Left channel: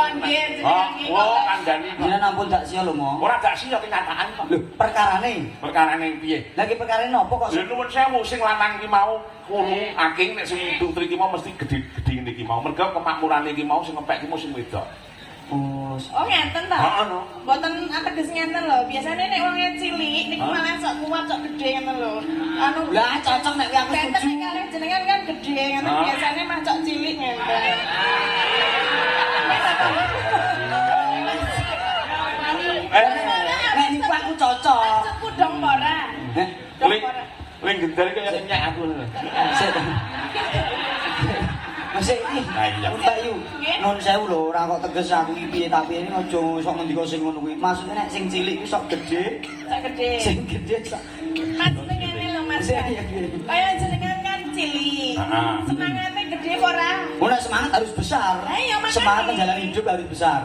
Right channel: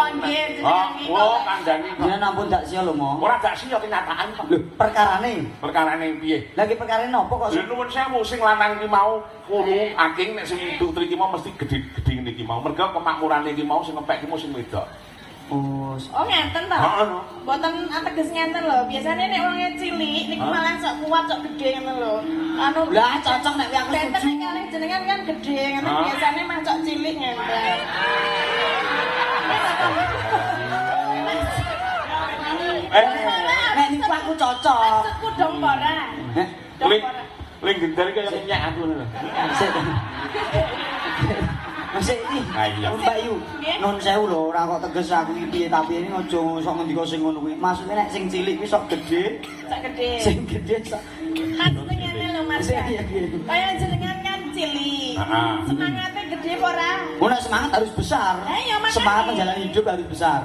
Oh nggih, jenengan iki. Oh, kandhane. Jenengan ampun dak sia lho, Mo. Ora gak siya kenyataan kok. Lho, perkarane. Perkarane piye? Lagi perkarane napa kok? Lha nuwun sewu sing lanang iki mau kulo aking nek sing putri iki mau mesti gedhe-gedhe ngene iki mau. Mergo kemakmurane iki mau sing ngepek iki mau sing wedok. Oh ngenten ta? Heeh no. Mboten ateges ngenten lho. Biasane nek wong cilik niku malah sok kuat sok gedhe ngono lho. Anu Lah cocok nek aku Tenten setuju. nek kalih jenengan kan gedhe ngono biasane mah sok cilik ngenten. Nek niku aku cocok. Aku dong ora. Ling gendar kaya nyak aku lho. Masih iki. Iya. Mbak Yu, nun sewu lho, ora kok teges aku iki piye tapi ini aja sok ngendika sing ngono kuwi. Maksudnya nek sing cilik iki sok gedhe, Sok gedhe. sing gedhe sok. Maksudnya ngene lho Mas. Kaya jenengan kan cilik. Heeh. Semangatnya gede ora? Ora semangat harus besar. Lah, ya makanya. Semangat menjalani hidup harus besar.